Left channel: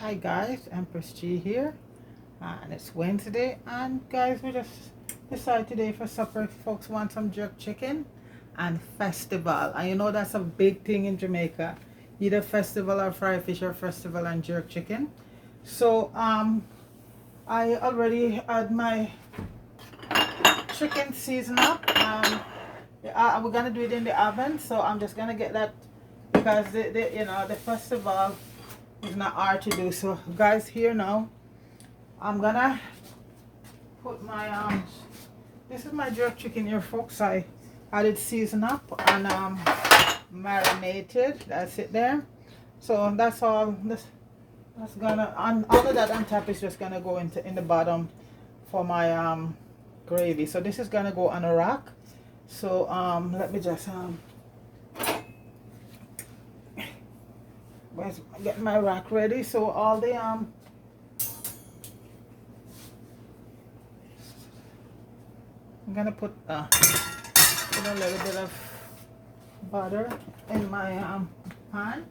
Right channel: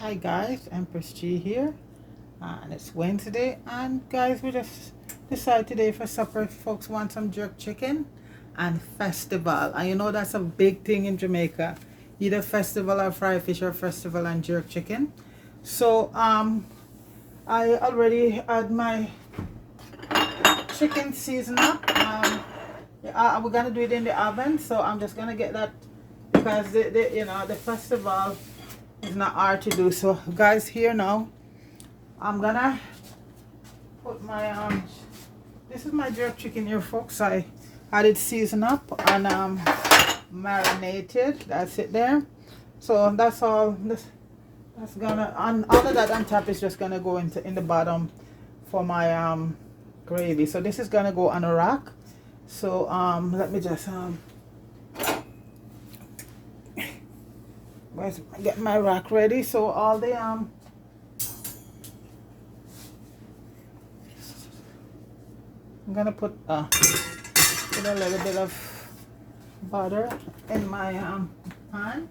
Hi guys, Empress G here, and it's Wednesday, and guys, we just decided today for supper if folks want some jerk chicken and festival, and you know that's a big thing in Jamaica, either festival or fry fish or festival and jerk chicken. So I already had my chicken seasoned up. Yeah, we're gonna do it in the oven, so I'm just gonna get that because the festival is not hard to do. So guys, here now I'm gonna put my this is my jerk chicken here, folks. I had it seasoned up and marinated. That's it there. So that's all. That's gonna, and all of that on top is just gonna go in the bottom for my gravy. So this is gonna go on a rack. So let me just get my rack ready. So all the I'm gonna put a little bit of butter in my pan.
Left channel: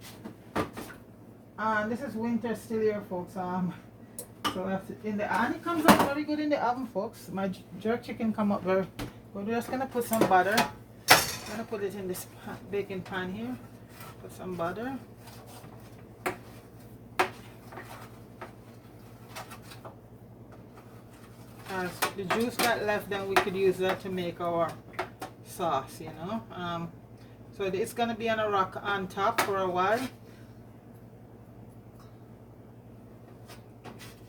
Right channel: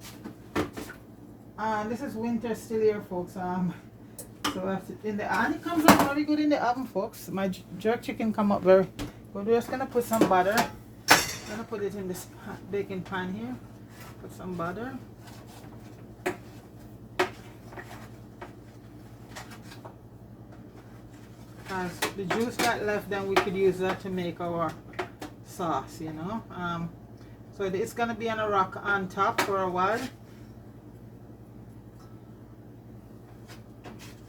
And this is winter still here, folks. So that's in the, and it comes out very good in the oven, folks. My jerk chicken come out very. We're just gonna put some butter. I'm gonna put it in this baking pan here. Put some butter. The juice that left, then we could use that to make our sauce, you know. So it's gonna be on a rack on top for a while,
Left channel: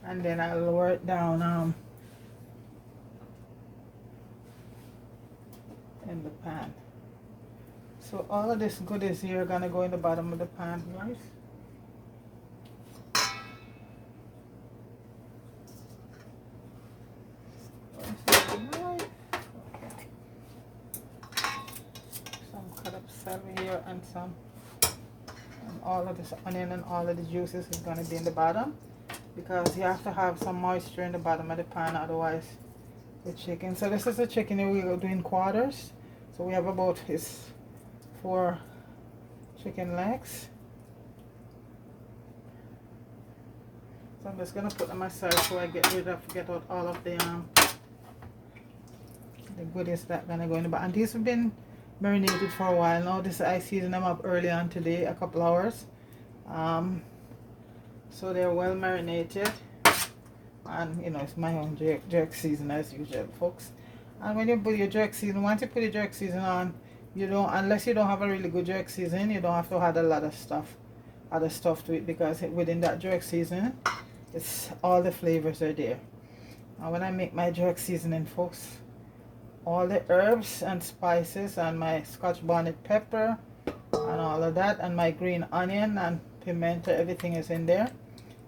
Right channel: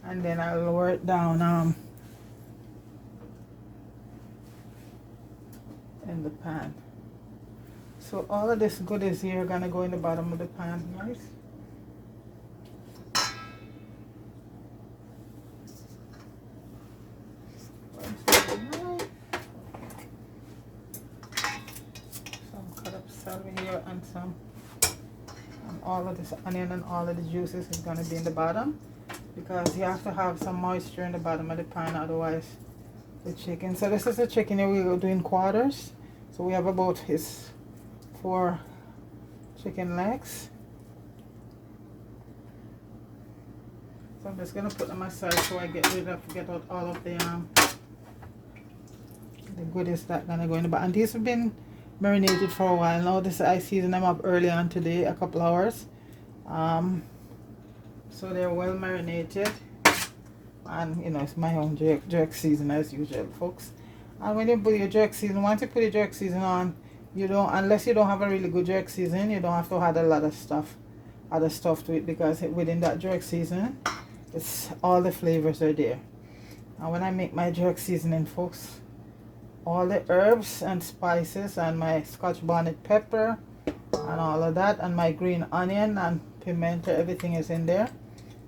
and then I'll lower it down in the pan. So all of this goodies here are gonna go in the bottom of the pan, guys. Celery here and all of this onion and all of the juices is going to be in the bottom, because you have to have some moisture in the bottom of the pan, otherwise the chicken. So this is the chicken here. We will do in quarters. So we have about 4 chicken legs. So I'm just going to put them aside so I get out all of the goodies that going to go in the bottom. And these have been marinated for a while now. This I seasoned them up early on today, a couple hours. So they're well marinated, and you know it's my own jerk season as usual, folks. And when you put your jerk season, once you put your jerk season on, you don't, unless you don't have a really good jerk season, you don't have to add a lot of other stuff to it, because within that jerk season, it's all the flavors are there. And when I make my jerk seasoning, folks, all the herbs and spices and my Scotch bonnet pepper and all of that, and my green onion and pimento, everything is in there,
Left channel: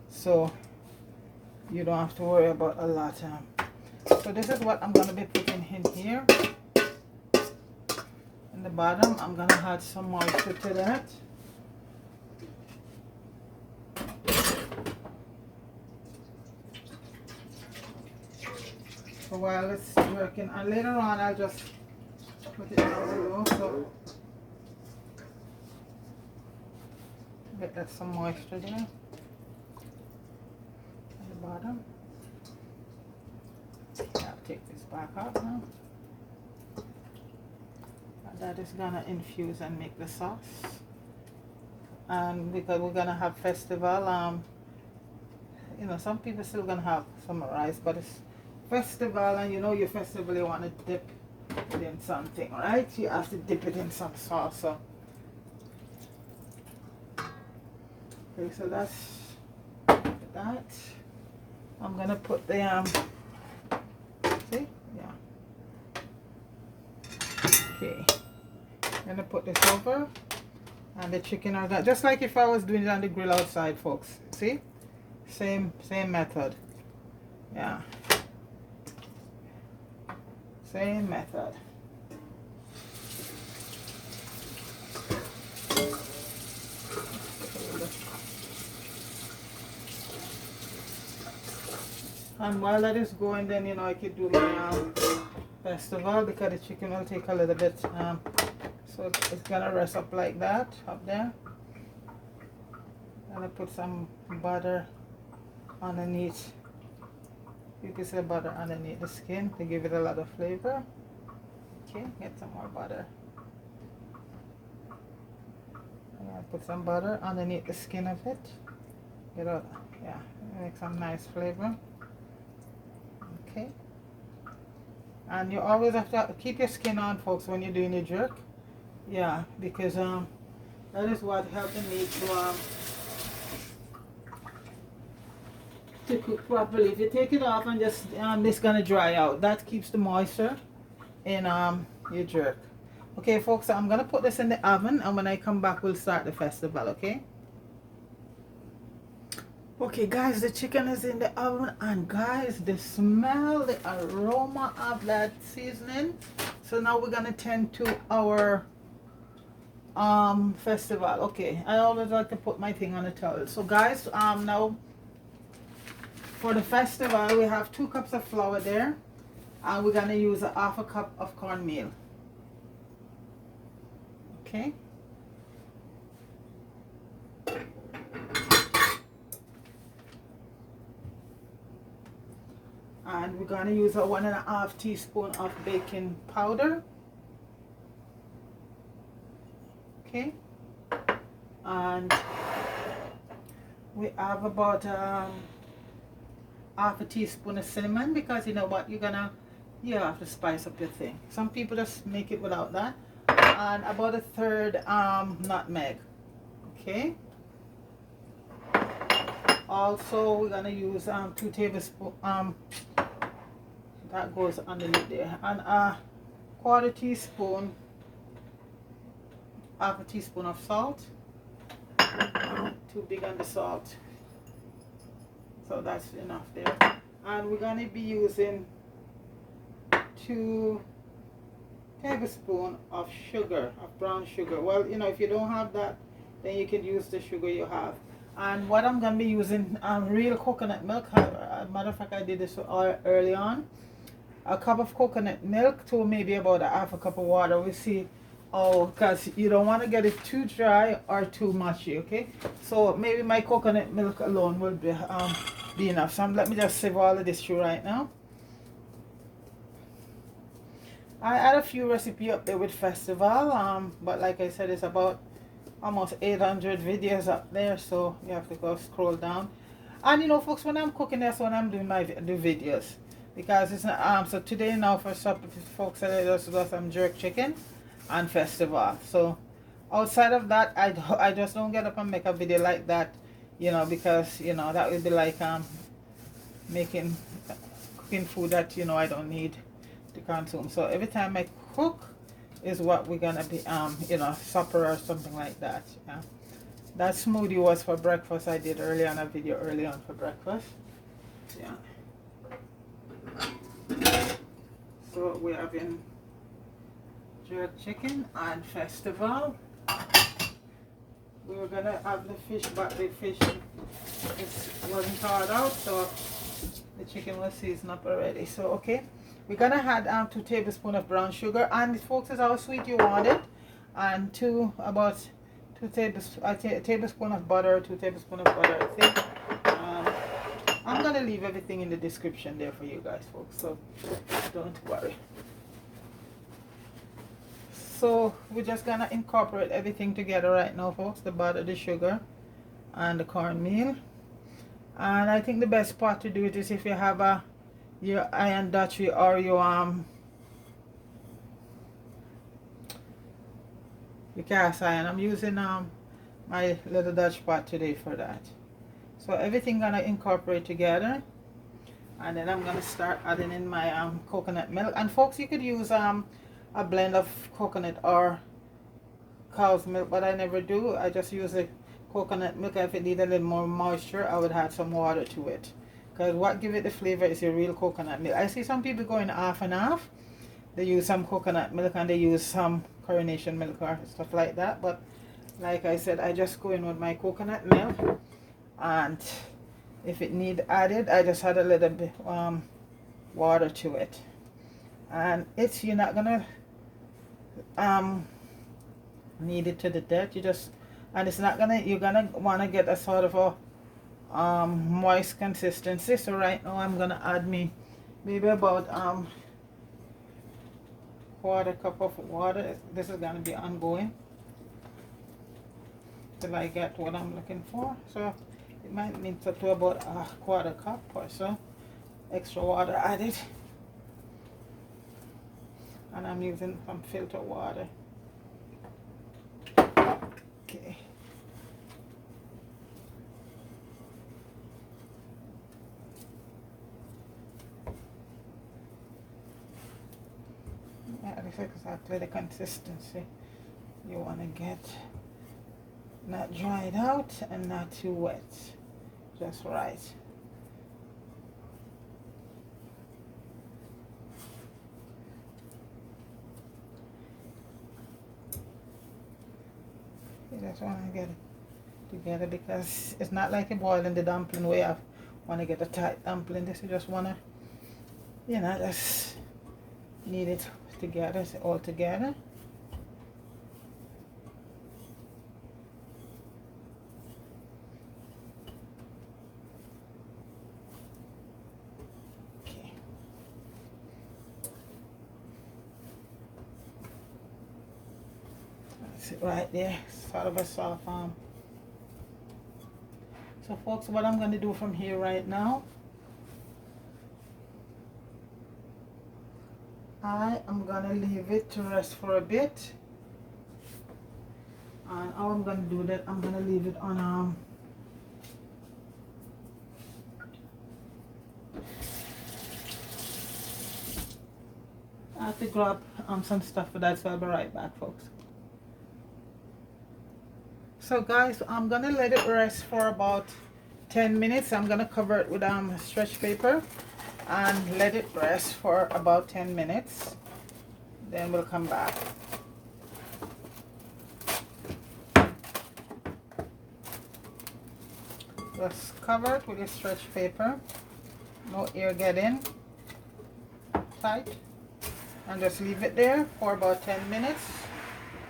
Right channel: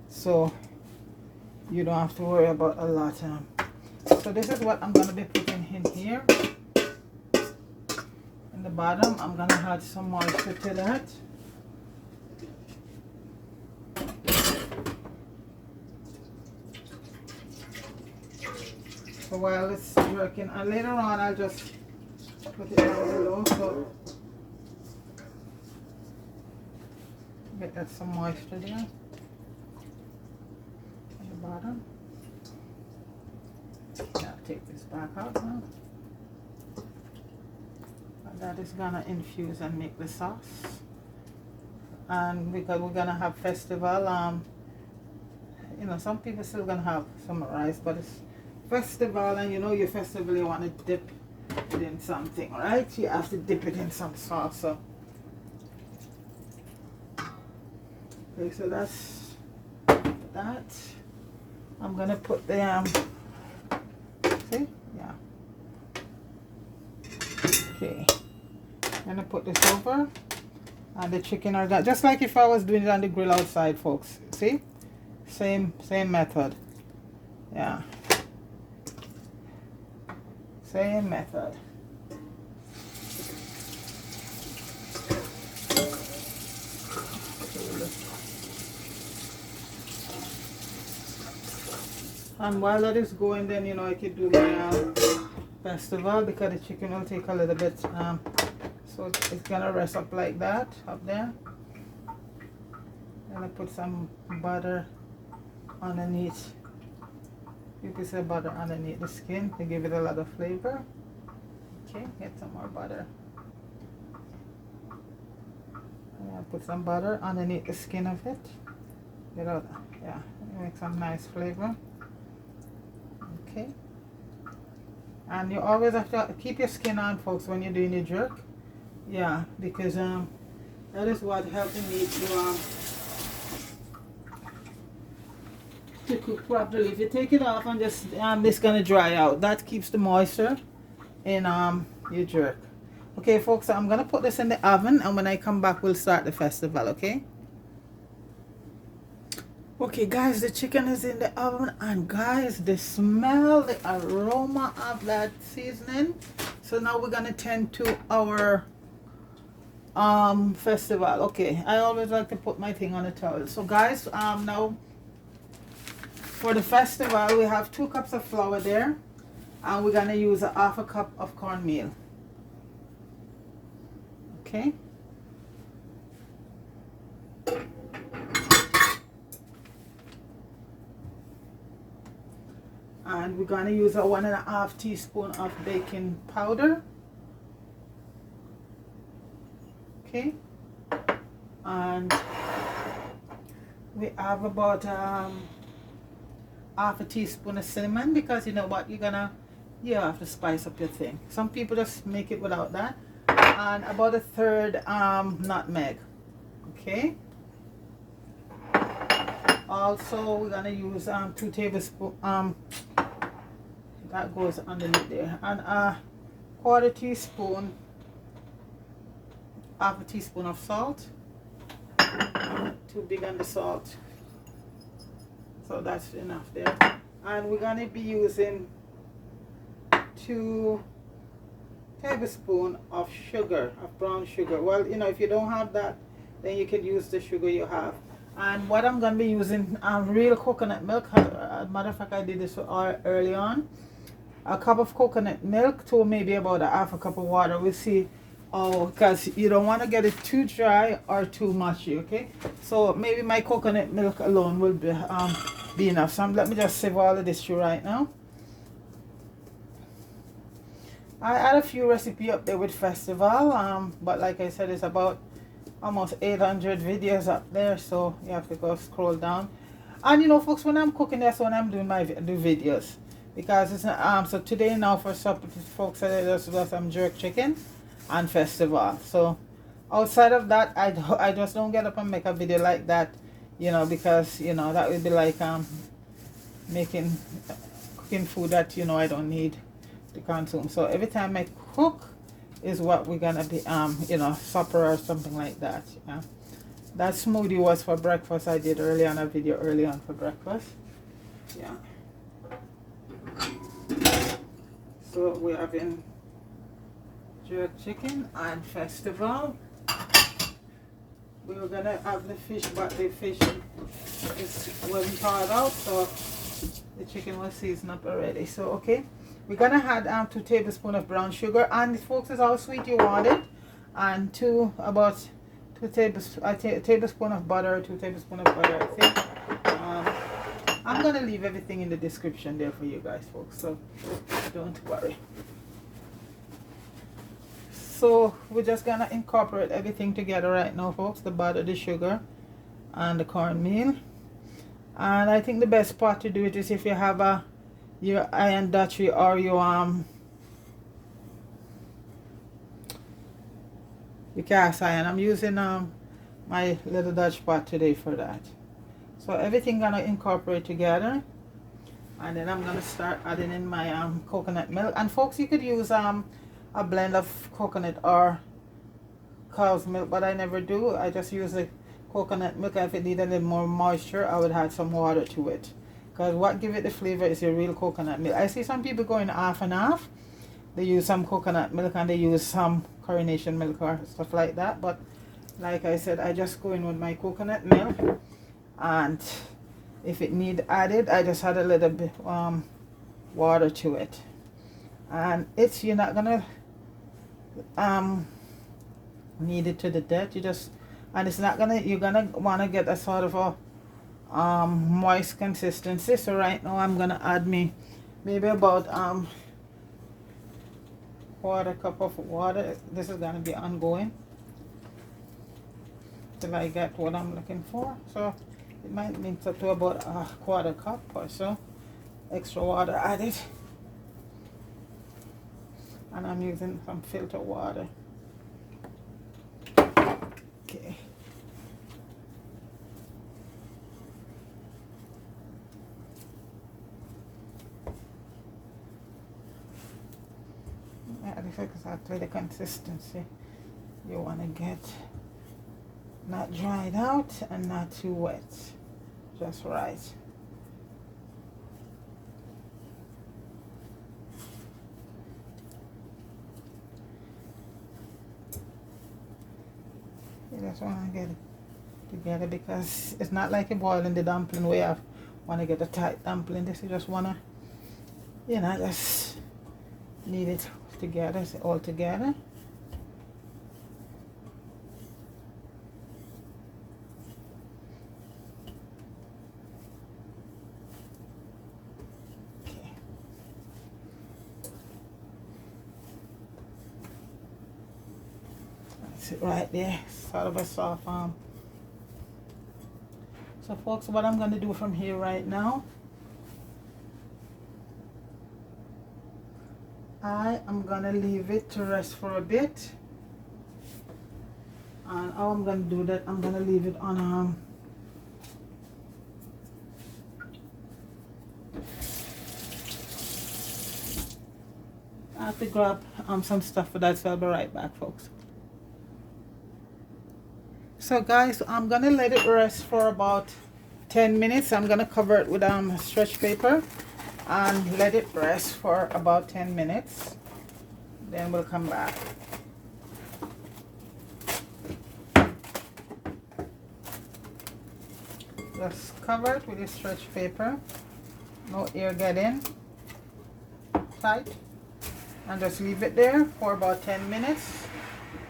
so you don't have to worry about a lot. So this is what I'm going to be putting in here in the bottom. I'm going to add some moisture to that. So while it's working, and later on I'll just put it down below, so get that some moisture there at the bottom. I'll take this back out now. And that is gonna infuse and make the sauce. And because we're gonna have festival, you know, some people still gonna have some rice, but it's festival, and you know your festival, you want to dip it in something, right? You have to dip it in some sauce. So okay, so that's that. I'm gonna put the see, yeah, okay, I'm gonna put this over, and the chicken are done, just like if I was doing it on the grill outside, folks. See, same method, yeah. Same method. And while that is going, then you know I could do my festival, because the chicken will take a little bit. So it's gonna rest up like that up there. I'm gonna put some butter underneath. You can say butter underneath the skin to give it a lot of flavor. Okay, get some more butter. And I'll put some butter underneath the skin of it. Get out, yeah, make some nice flavor. Okay. And you always have to keep your skin on, folks, when you're doing your jerk. Yeah, because that is what helps the meat to cook properly. If you take it off and just it's gonna dry out. That keeps the moisture in your jerk. Okay, folks, so I'm gonna put this in the oven, and when I come back, we'll start the festival. Okay. Okay, guys, the chicken is in the oven, and guys, the smell, the aroma of that seasoning. So now we're gonna tend to our festival. Okay, I always like to put my thing on a towel. So guys, now for the festival, we have 2 cups of flour there, and we're gonna use a half a cup of cornmeal. Okay. And we're gonna use a 1.5 teaspoon of baking powder. Okay. And we have about half a teaspoon of cinnamon, because you know what, you have to spice up your thing. Some people just make it without that. And about a 1/3 nutmeg. Okay. Also, we're gonna use 2 tablespoons. That goes underneath there, and a 1/4 teaspoon, half a teaspoon of salt. Too big on the salt, so that's enough there. And we're gonna be using 2 tablespoons of sugar, of brown sugar. Well, you know, if you don't have that, then you can use the sugar you have. And what I'm gonna be using, real coconut milk. Matter of fact, I did this early on. A cup of coconut milk to maybe about a half a cup of water. We'll see. Oh, because you don't want to get it too dry or too mushy. Okay, so maybe my coconut milk alone will be enough. So let me just save all of this through right now. I had a few recipes up there with festival, but like I said, it's about almost 800 videos up there, so you have to go scroll down. And you know, folks, when I'm cooking, that's when I'm doing my videos, because it's so today now for supper, folks, I just got some jerk chicken and festival. So outside of that, I just don't get up and make a video like that, you know, because you know that would be like cooking food that, you know, I don't need to consume. So every time I cook is what we're gonna be you know, supper or something like that. Yeah, that smoothie was for breakfast. I did early on a video early on for breakfast. Yeah, so we're having jerk chicken and festival. We were gonna have the fish, but the fish wasn't thawed out, so the chicken was seasoned up already. So okay, we're gonna add 2 tablespoons of brown sugar, and folks, is how sweet you want it, and about 2 tablespoons of butter, 2 tablespoons of butter, I think. I'm gonna leave everything in the description there for you guys, folks, so don't worry. So we're just gonna incorporate everything together right now, folks, the butter, the sugar, and the cornmeal. And I think the best part to do it is if you have your iron Dutchie or your cast iron. I'm using my little Dutch pot today for that. So everything gonna incorporate together, and then I'm gonna start adding in my coconut milk. And folks, you could use a blend of coconut or cow's milk, but I never do. I just use the coconut milk. If it needed a little more moisture, I would add some water to it, because what gives it the flavor is your real coconut milk. I see some people going half and half. They use some coconut milk and they use some coronation milk or stuff like that, but like I said, I just go in with my coconut milk, and if it need added, I just add a little bit water to it. And you're not gonna knead it to the death. And it's not gonna, you're gonna want to get a sort of moist consistency. So right now I'm gonna add me maybe about quarter cup of water. This is gonna be ongoing till I get what I'm looking for. So it might need to about a quarter cup or so extra water added, and I'm using some filter water. Okay. Yeah, this is exactly the consistency you want to get. Not dried out and not too wet. Just right. You just want to get it together because it's not like you're boiling the dumpling where you want to get a tight dumpling. This you just want to, you know, just knead it together, all together. Right there, sort of a soft arm. So folks, what I'm going to do from here right now, I am going to leave it to rest for a bit. And how I'm going to do that, I'm going to leave it on I have to grab some stuff for that, so I'll be right back, folks. So guys, I'm gonna let it rest for about 10 minutes. I'm gonna cover it with stretch paper and let it rest for about 10 minutes. Then we'll come back. Just cover it with a stretch paper. No air get in. Tight. And just leave it there for about 10 minutes.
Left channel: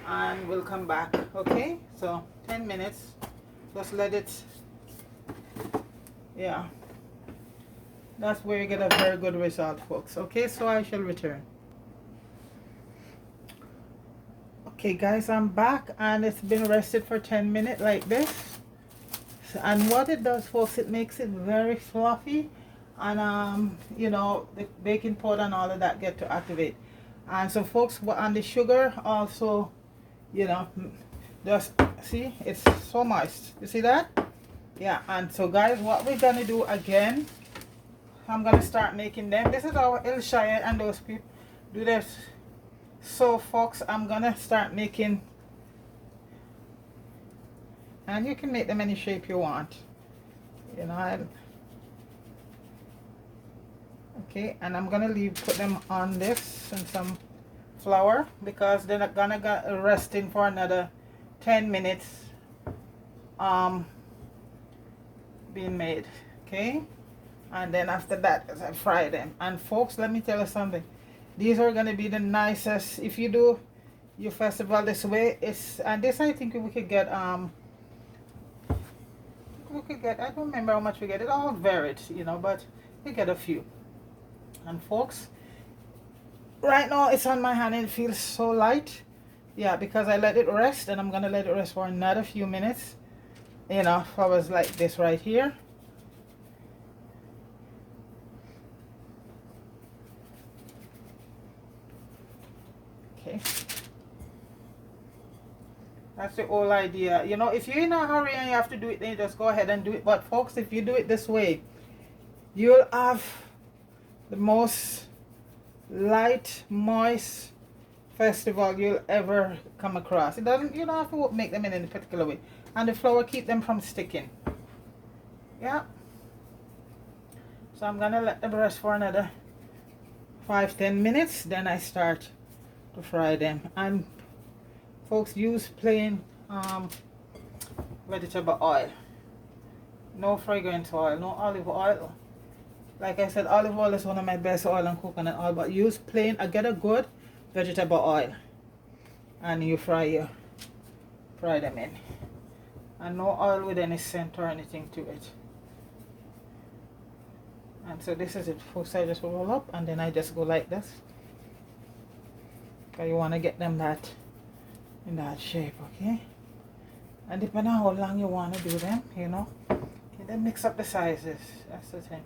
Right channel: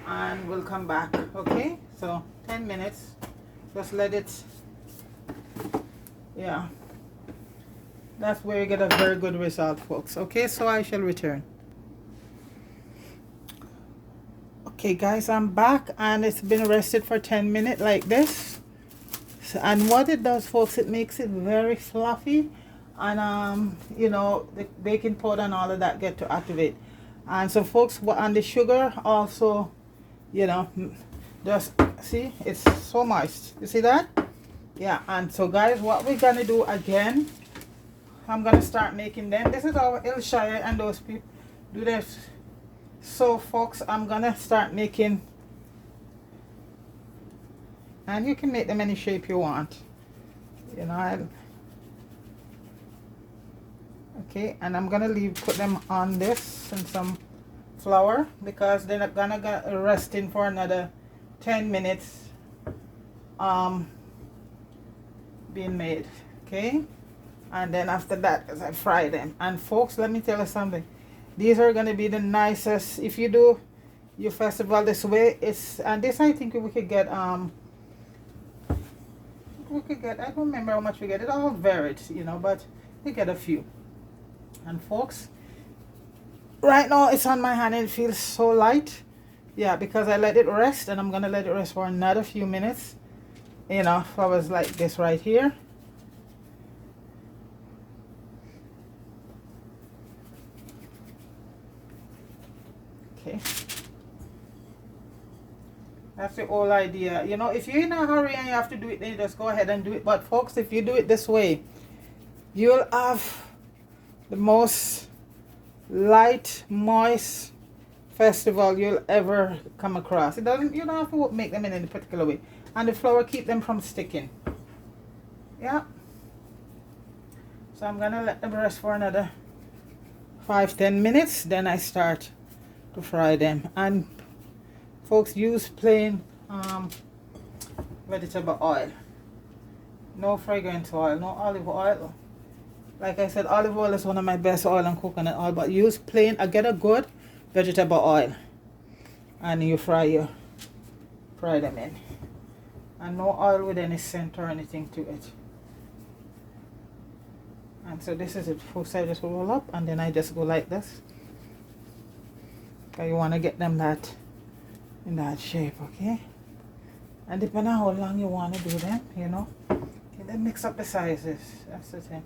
And we'll come back. Okay? So 10 minutes. Just let it, yeah, that's where you get a very good result, folks. Okay, so I shall return. Okay guys, I'm back and it's been rested for 10 minutes like this. So, and what it does, folks, it makes it very fluffy, and you know, the baking powder and all of that get to activate. And so folks, on the sugar also, you know, just see, it's so moist. You see that? Yeah. And so guys, what we're gonna do again, I'm gonna start making them. This is how Ilshire and those people do this. So folks, I'm gonna start making, and you can make them any shape you want, you know. Okay, and I'm gonna put them on this and some flour because they're not gonna get resting for another 10 minutes being made. Okay, and then after that, as I fry them. And folks, let me tell you something, these are going to be the nicest if you do your festival this way. It's, and this I think we could get I don't remember how much we get, it all varied, you know, but we get a few. And folks, right now it's on my hand and it feels so light. Yeah, because I let it rest, and I'm gonna let it rest for another few minutes, you know, for hours like this right here. Okay, that's the whole idea, you know. If you're in a hurry and you have to do it, then you just go ahead and do it. But folks, if you do it this way, you'll have the most light, moist festival you'll ever come across. It doesn't, you don't have to make them in any particular way, and the flour keep them from sticking. Yeah, so I'm gonna let them rest for another 5-10 minutes, then I start to fry them. And folks, use plain vegetable oil, no fragrance oil, no olive oil. Like I said, olive oil is one of my best oil, and coconut oil, but use plain, get a good vegetable oil, and you fry them in, and no oil with any scent or anything to it. And so this is it. First I just roll up and then I just go like this. Because you want to get them that in that shape, okay? And depending on how long you want to do them, you know. Okay, then mix up the sizes. That's the thing.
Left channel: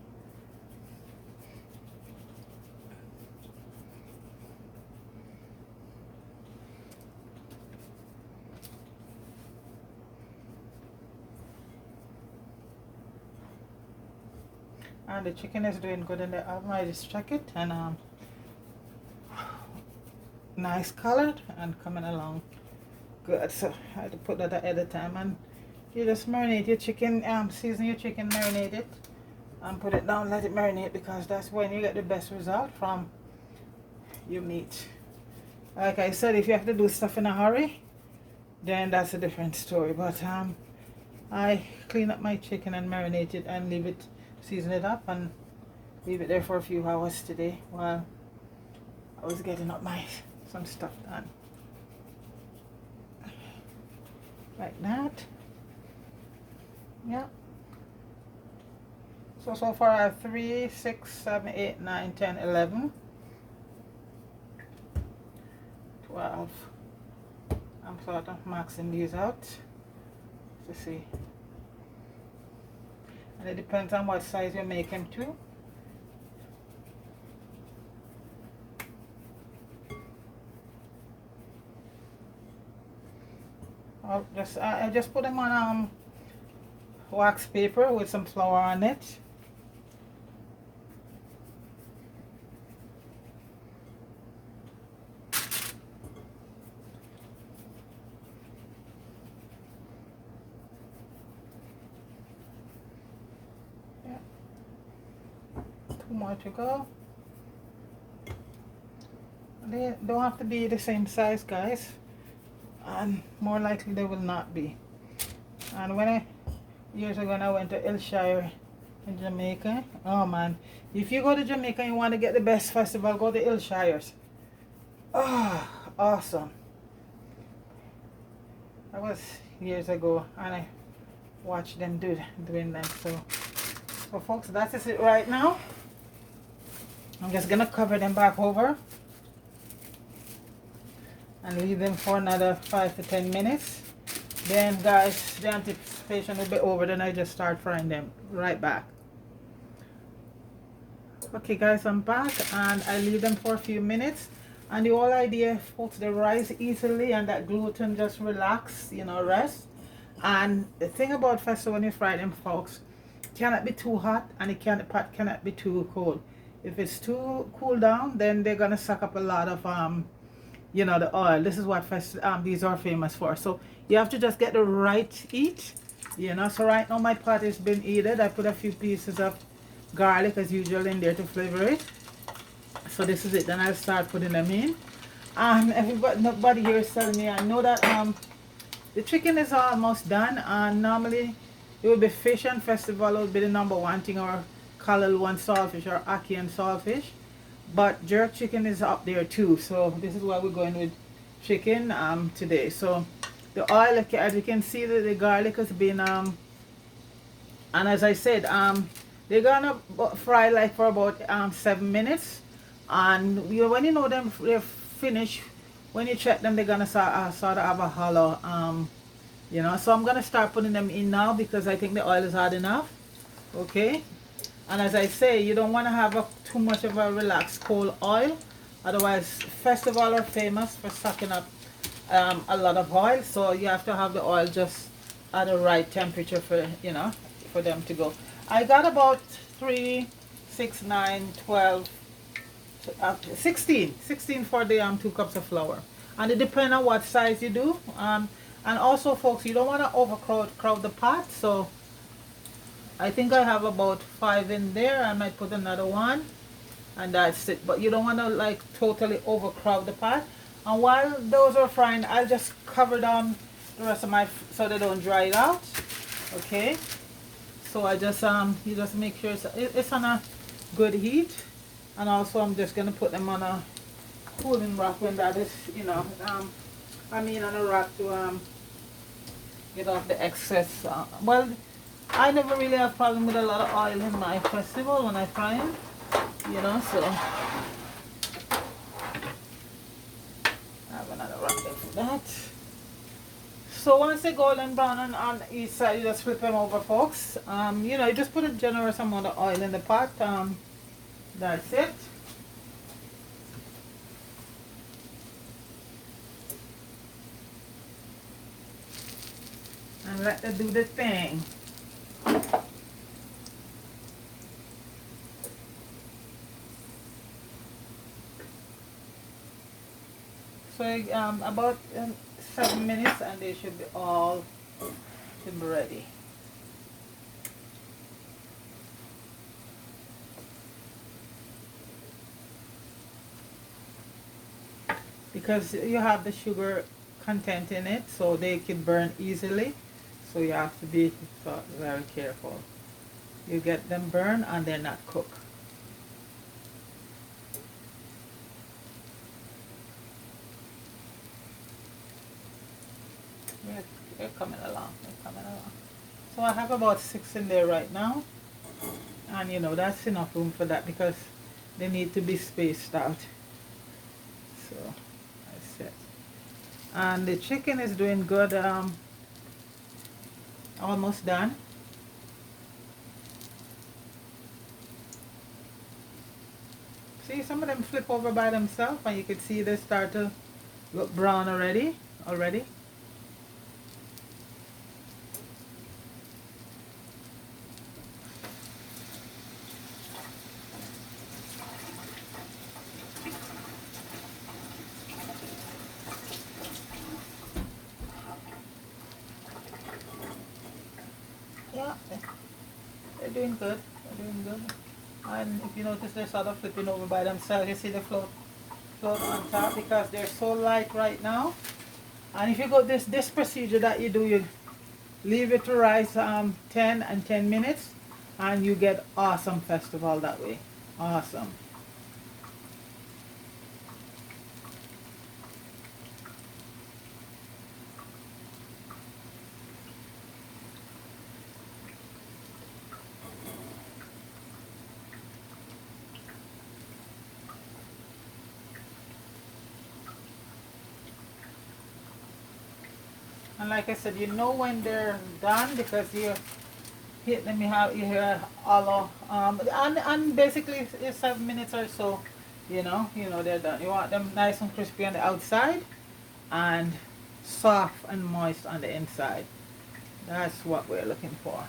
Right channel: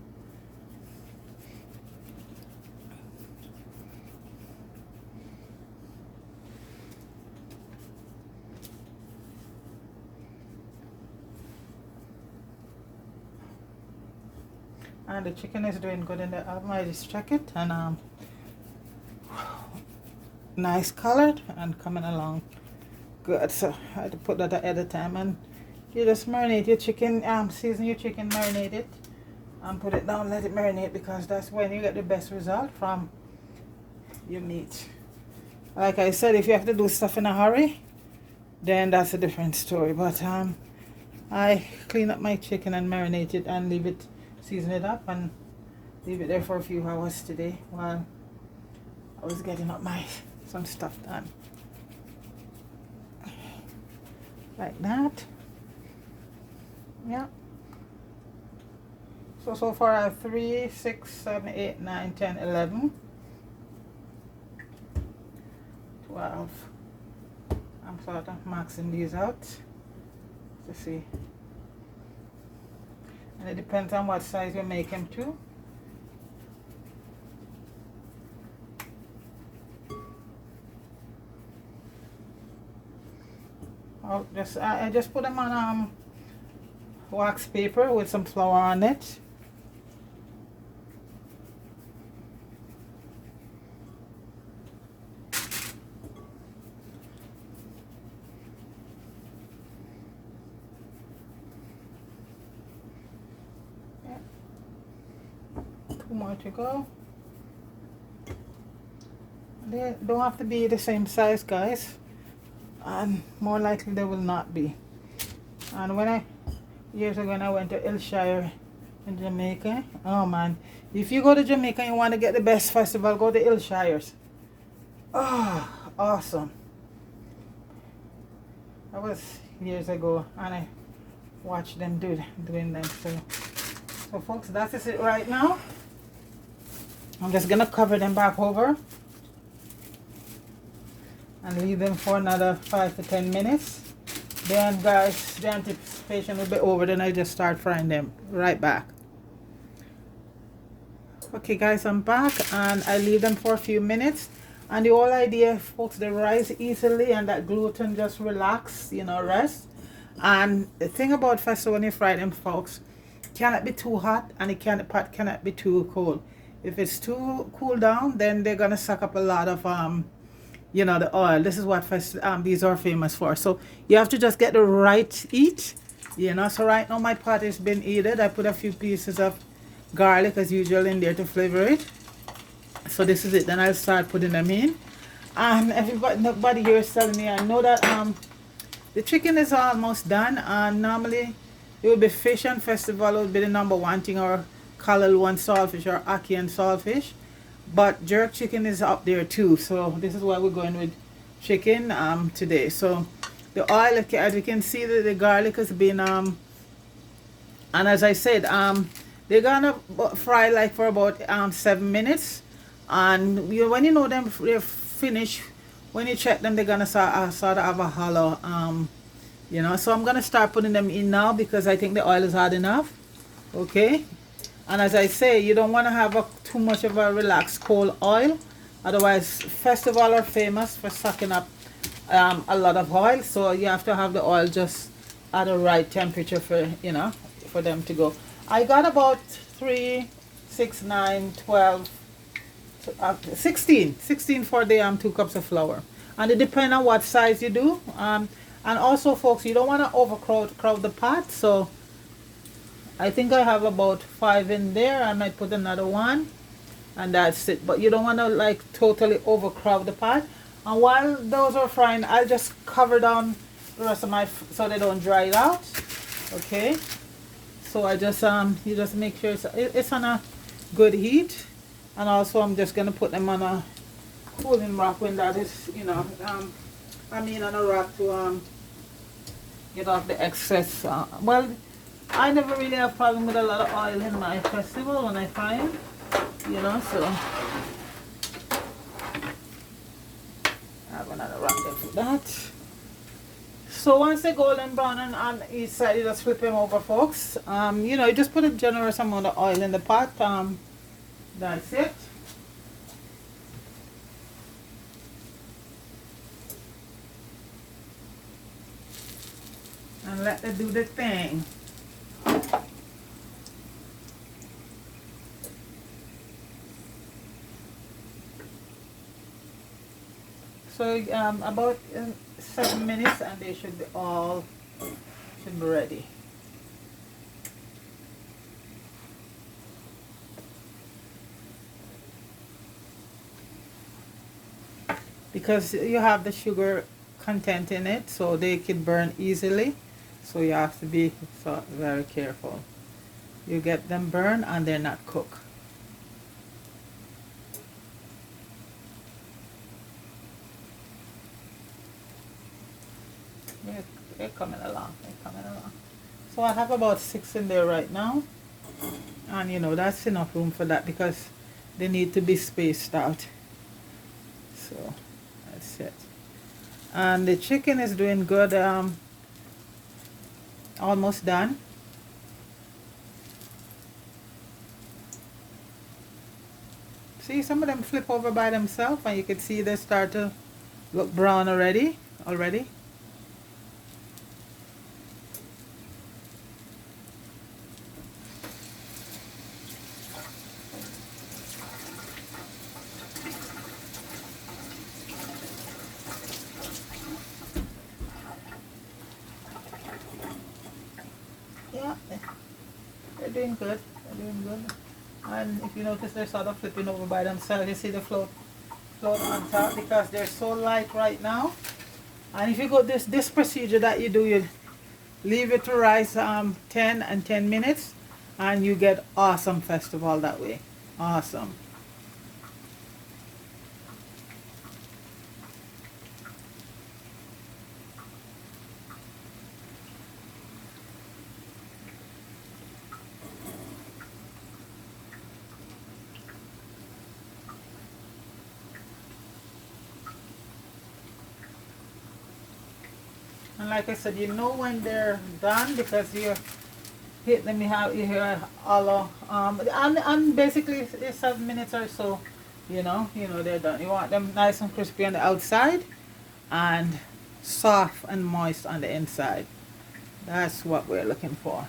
And the chicken is doing good in the oven. I just check it and nice colored and coming along good. So I had to put that ahead of time, and you just marinate your chicken, season your chicken, marinate it and put it down, let it marinate, because that's when you get the best result from your meat. Like I said, if you have to do stuff in a hurry, then that's a different story. But I clean up my chicken and marinate it and leave it, season it up and leave it there for a few hours today while I was getting up some stuff done. Like that. Yeah. So far I have 3, 6, 7, 8, 9, 10, 11, 12. I'm sort of maxing these out to see. And it depends on what size you make them to. I just put them on wax paper with some flour on it. Yeah. 2 more to go. They don't have to be the same size, guys. And more likely they will not be. And years ago when I went to Ilshire in Jamaica, oh man, if you go to Jamaica and you want to get the best festival, go to Ilshire's. Oh, awesome. That was years ago, and I watched them doing them. So folks, that is it right now. I'm just gonna cover them back over and leave them for another 5 to 10 minutes. Then guys, the anticipation will be over, then I just start frying them right back. Okay guys, I'm back and I leave them for a few minutes. And the whole idea, folks, they rise easily and that gluten just relax, you know, rest. And the thing about festival when you fry them, folks, cannot be too hot and the pot cannot be too cold. If it's too cool down, then they're gonna suck up a lot of you know, the oil. This is what these are famous for. So you have to just get the right heat, you know. So right now my pot has been heated. I put a few pieces of garlic as usual in there to flavor it. So this is it. Then I'll start putting them in. And nobody here is telling me, I know that the chicken is almost done, and normally it will be fish and festival would be the #1 thing, or Callaloo and saltfish, or ackee and saltfish. But jerk chicken is up there too, so this is why we're going with chicken today. So the oil, as you can see, the garlic has been and as I said, they're gonna fry like for about 7 minutes. And when you know them they're finished, when you check them, they're gonna sort of have a hollow, you know. So I'm gonna start putting them in now because I think the oil is hot enough. Okay. And as I say, you don't want to have too much of a relaxed cold oil. Otherwise, festival are famous for sucking up a lot of oil. So you have to have the oil just at the right temperature for, you know, for them to go. I got about 3, 6, 9, 12, 16 for the 2 cups of flour. And it depends on what size you do. And also, folks, you don't want to overcrowd the pot. So I think I have about 5 in there. I might put another 1, and that's it. But you don't want to like totally overcrowd the pot. And while those are frying, I'll just cover down the rest of my so they don't dry it out. Okay. So I just you just make sure it's on a good heat. And also I'm just gonna put them on a cooling rack when that is, you know, on a rack to get off the excess. Well, I never really have problem with a lot of oil in my festival when I find, you know, so I have another wrap there for that. So once they golden brown and on each side, you just flip them over, folks. You know, you just put a generous amount of oil in the pot. That's it. And let them do the thing. So about 7 minutes and they should be all should be ready. Because you have the sugar content in it, so they can burn easily. So you have to be very careful. You get them burn and they're not cooked. They're coming along. They're coming along. So I have about 6 in there right now, and you know that's enough room for that because they need to be spaced out. So that's it. And the chicken is doing good. Almost done. See, some of them flip over by themselves, and you can see they start to look brown already. Yeah, they're doing good. They're doing good. And if you notice, they're sort of flipping over by themselves. You see the float on top because they're so light right now. And if you go this procedure that you do, you leave it to rise 10 and 10 minutes, and you get awesome festival that way. Awesome. And like I said, you know when they're done because you hit them, you hear hollow. And basically it's 7 minutes or so, you know they're done. You want them nice and crispy on the outside and soft and moist on the inside. That's what we're looking for.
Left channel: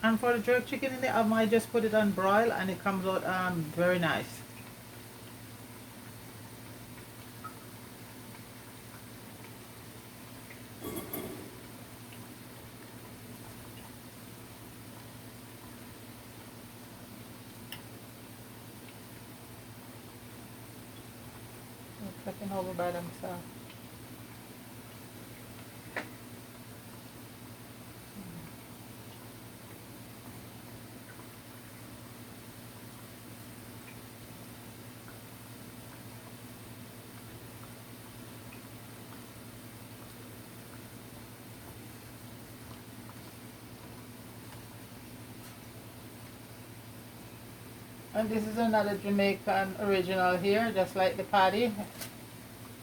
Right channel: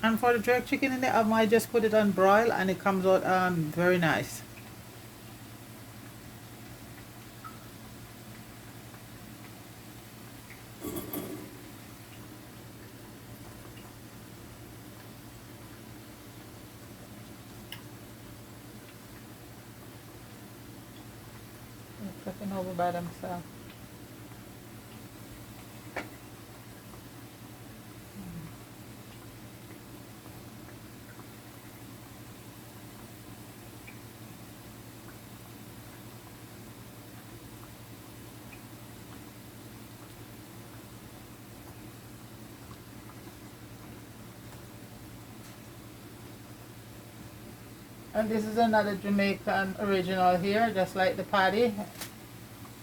And for the jerk chicken in the oven, I just put it on broil and it comes out very nice. Flipping over by themselves. And this is another Jamaican original here, just like the patty.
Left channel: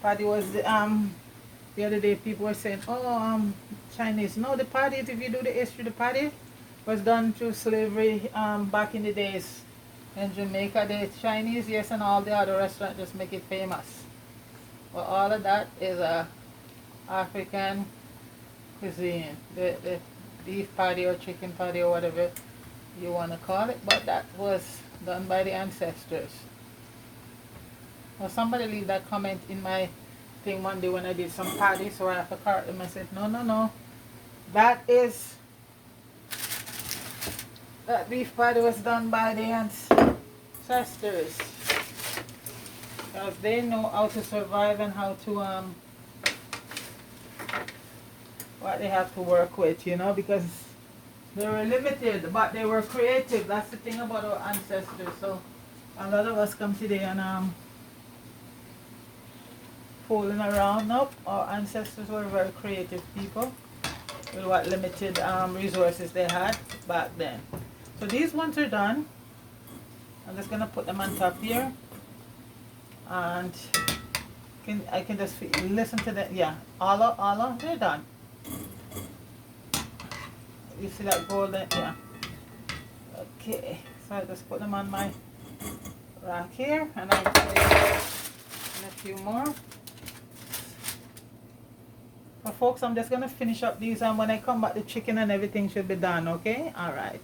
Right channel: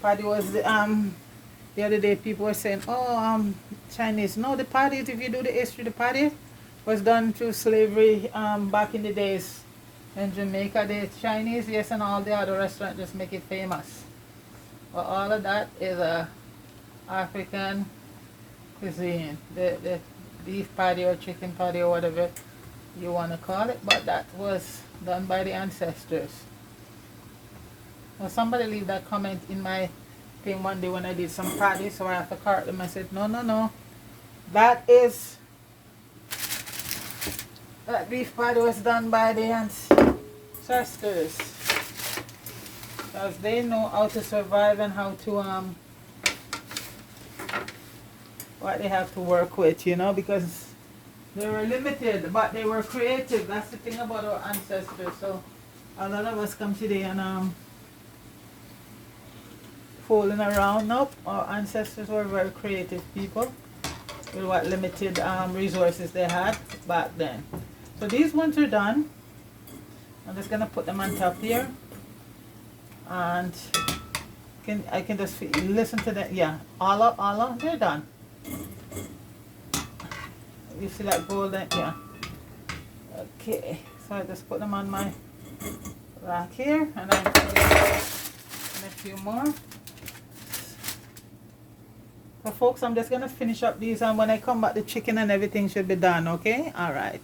Patty was the other day people were saying, oh, Chinese. No, the patty, if you do the history, the patty was done through slavery back in the days in Jamaica. The Chinese, yes, and all the other restaurants just make it famous. But all of that is a African cuisine. The beef patty or chicken patty or whatever you want to call it, but that was done by the ancestors. Now somebody leave that comment in my thing one day when I did some patty, so I have to correct them. I said, no, that beef patty was done by the ancestors, because they know how to survive and how to what they have to work with, because they were limited, but they were creative. That's the thing about our ancestors. So a lot of us come today and fooling around. Nope, our ancestors were very creative people with what limited resources they had back then. So these ones are done. I'm just gonna put them on top here, and I can just listen to them. Yeah, all they're done. You see that golden? Yeah. Okay, so I just put them on my rack here, and I put in a few more. So folks, I'm just gonna finish up these, and when I come back, the chicken and everything should be done. Okay, all right.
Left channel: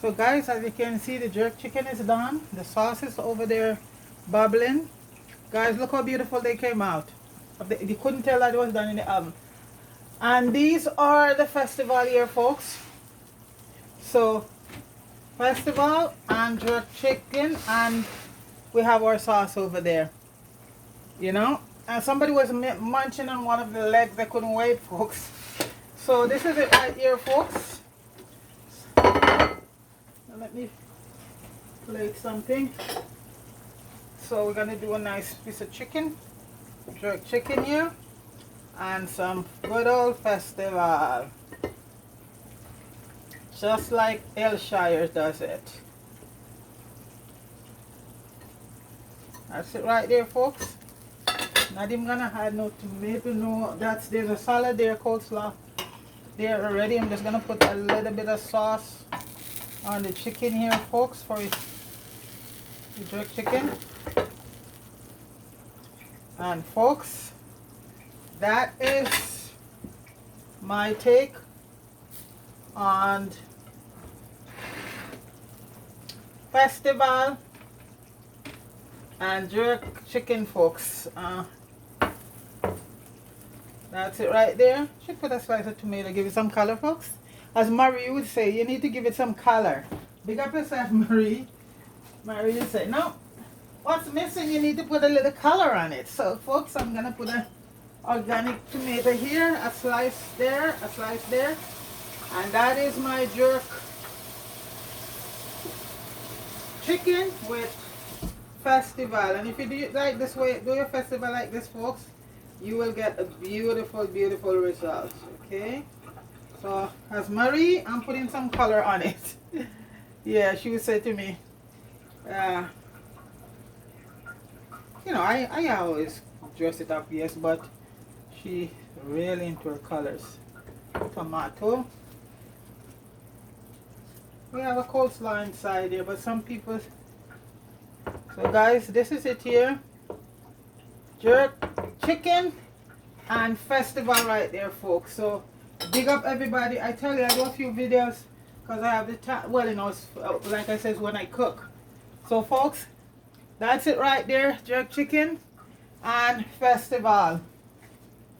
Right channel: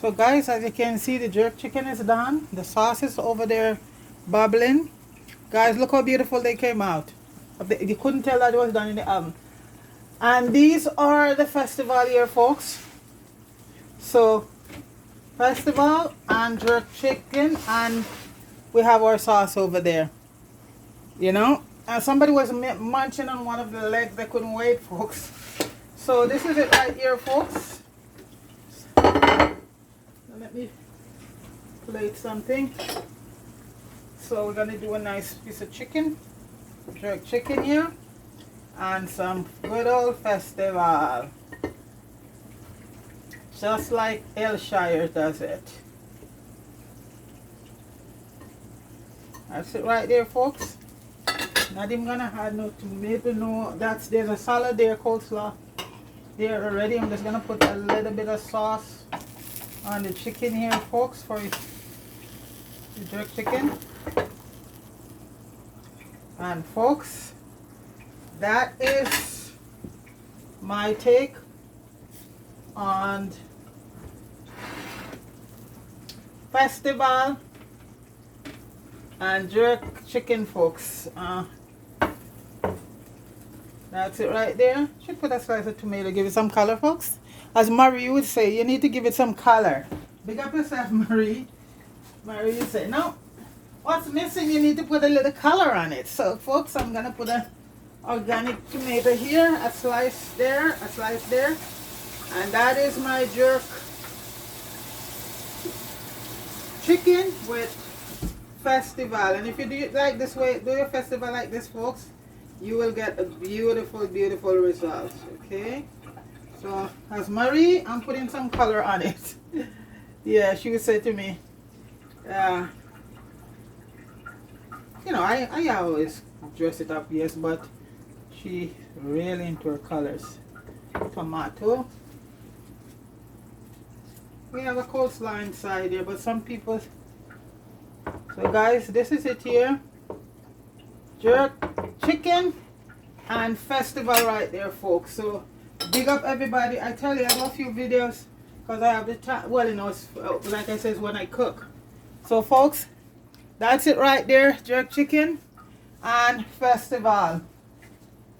So guys, as you can see, the jerk chicken is done. The sauce is over there bubbling. Guys, look how beautiful they came out. You couldn't tell that it was done in the oven. And these are the festival here, folks. So festival and jerk chicken, and we have our sauce over there, you know. And somebody was munching on one of the legs. They couldn't wait, folks. So this is it right here, folks. Let me plate something. So we're gonna do a nice piece of chicken, jerk chicken here, and some good old festival, just like Ayrshire does it. That's it right there, folks. Not even gonna add no tomato, no. There's a salad there, coleslaw there already. I'm just gonna put a little bit of sauce on the chicken here, folks, for the jerk chicken. And folks, that is my take on festival and jerk chicken, folks. That's it right there. Should put a slice of tomato, give it some color, folks. As Marie would say, you need to give it some color. Big up yourself, Marie. Marie would say, no, what's missing? You need to put a little color on it. So, folks, I'm gonna put an organic tomato here, a slice there, a slice there, and that is my jerk chicken with festival. And if you do it like this way, do your festival like this, folks, you will get a beautiful, beautiful result. Okay. So as Marie, I'm putting some color on it. Yeah, she would say to me, you know, I always dress it up, yes, but she really into her colors. Tomato. We have a coleslaw inside here, but some people. So guys, this is it here. Jerk chicken and festival right there, folks. So big up everybody. I tell you, I do a few videos because I have the time. Well, you know, it's, like I said, when I cook. So folks, that's it right there. Jerk chicken and festival,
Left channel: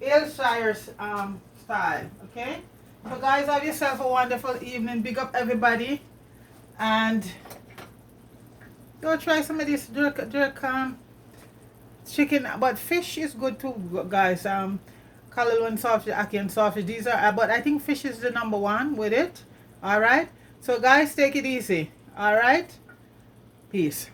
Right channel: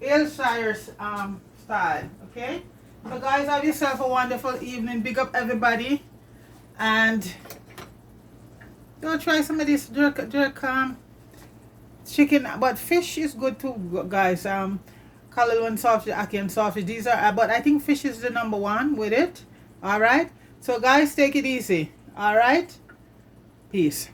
Ayrshire style. Okay. So guys, have yourself a wonderful evening. Big up everybody, and go try some of this jerk chicken. But fish is good too, guys. Callaloo sausage, Ackee sausage. These are, but I think fish is the #1 with it. All right. So guys, take it easy. All right. Peace.